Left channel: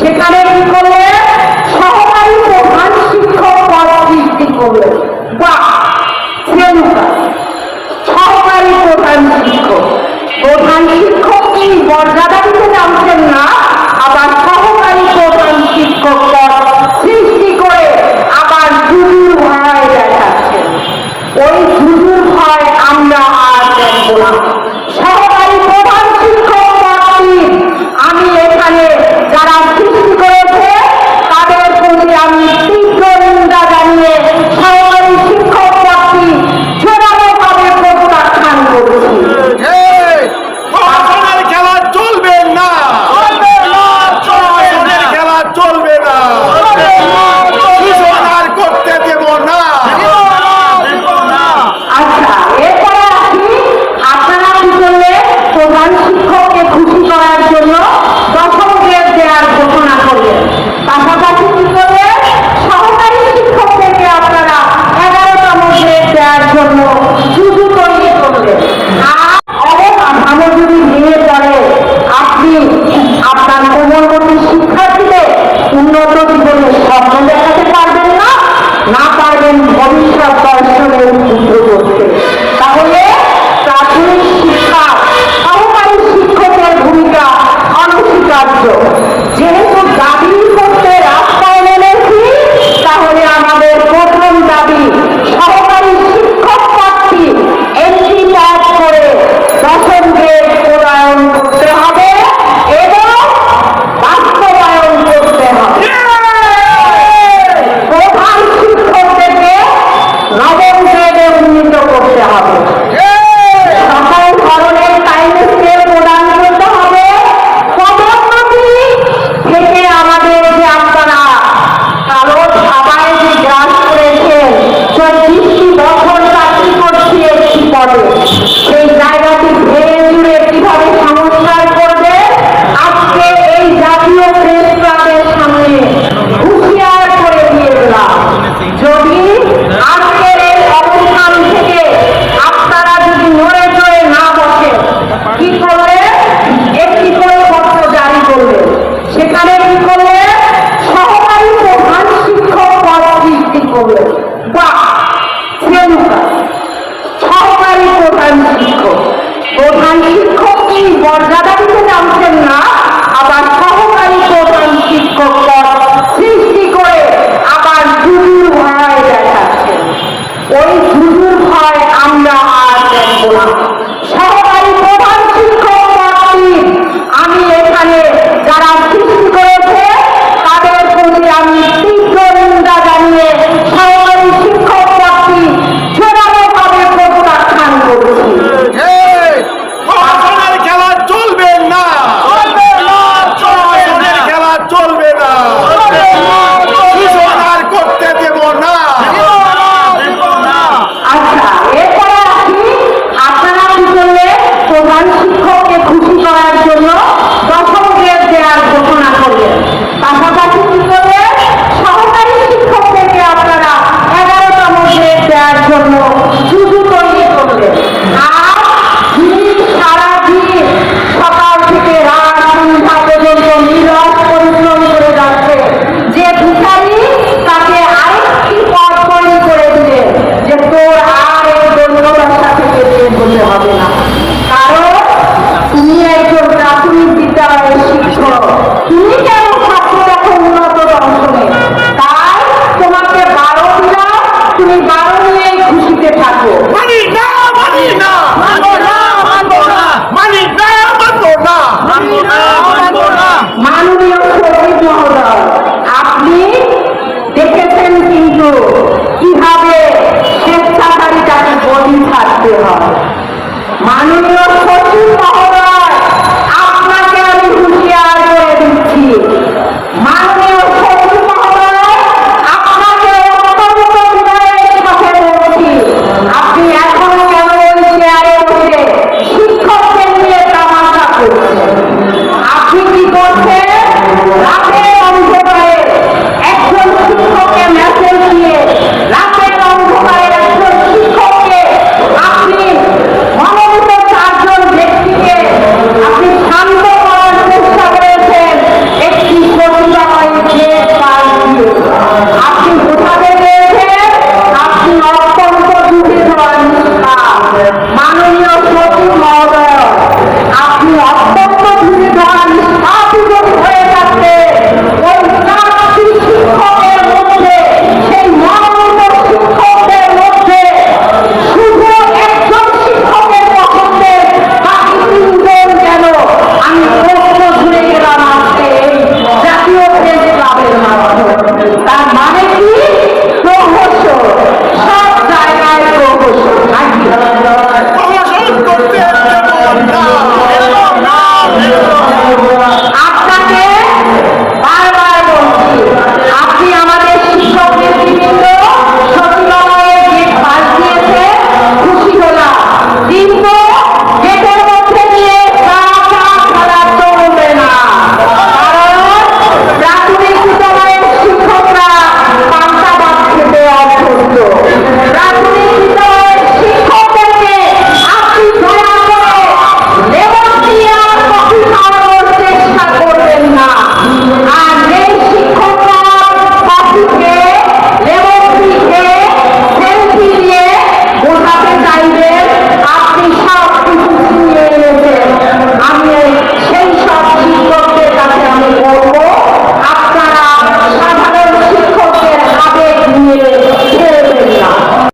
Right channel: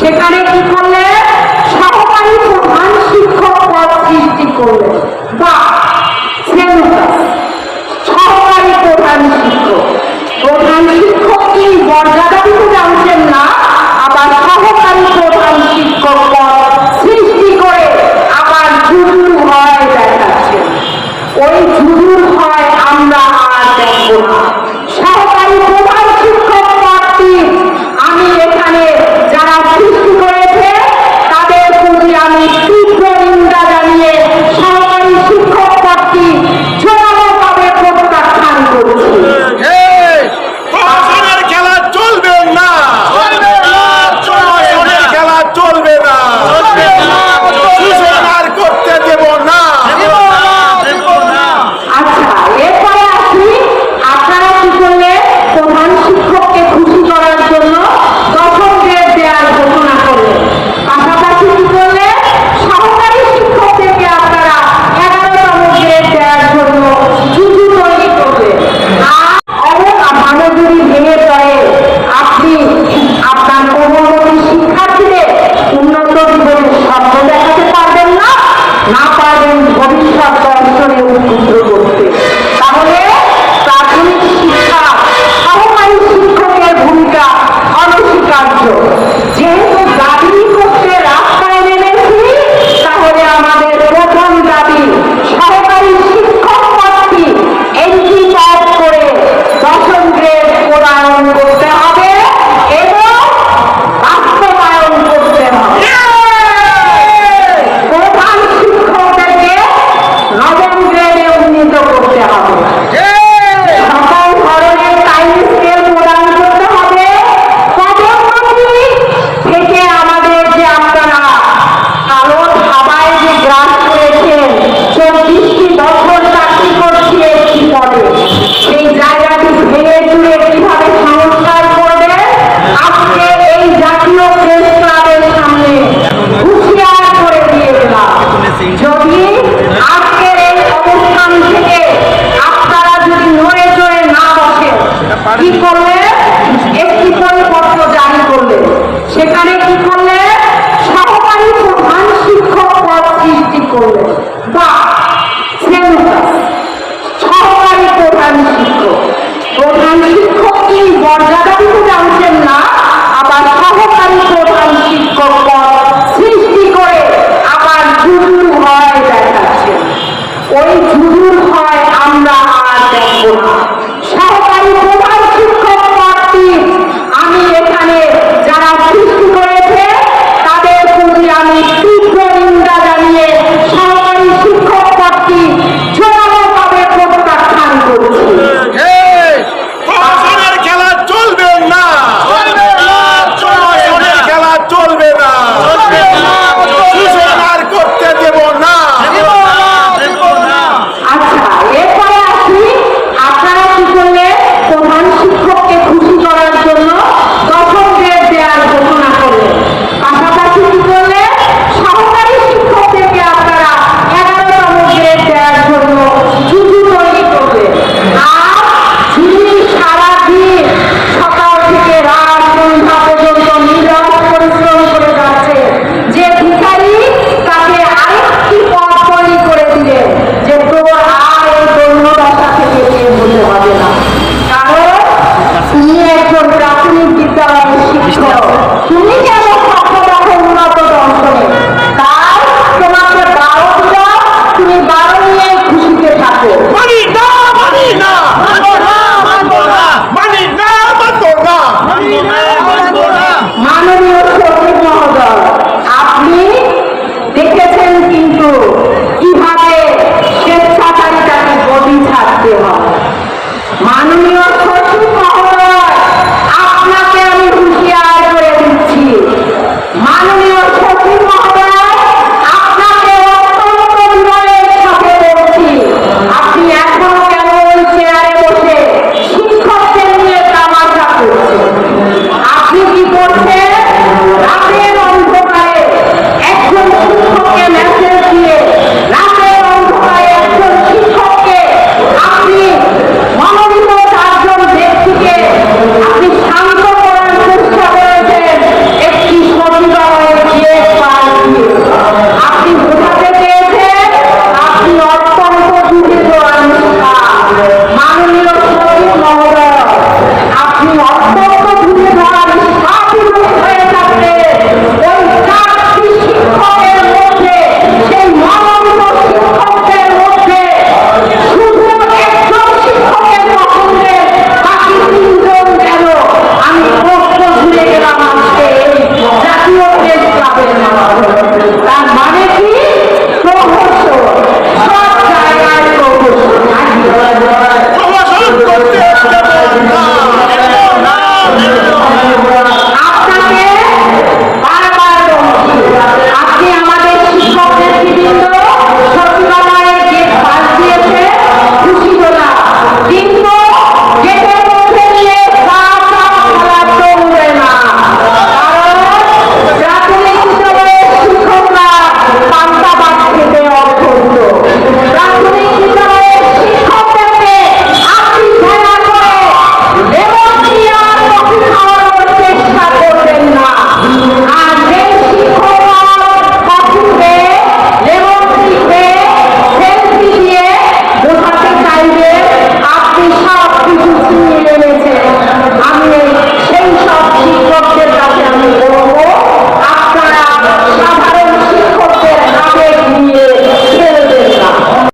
সেখানে কি করলেন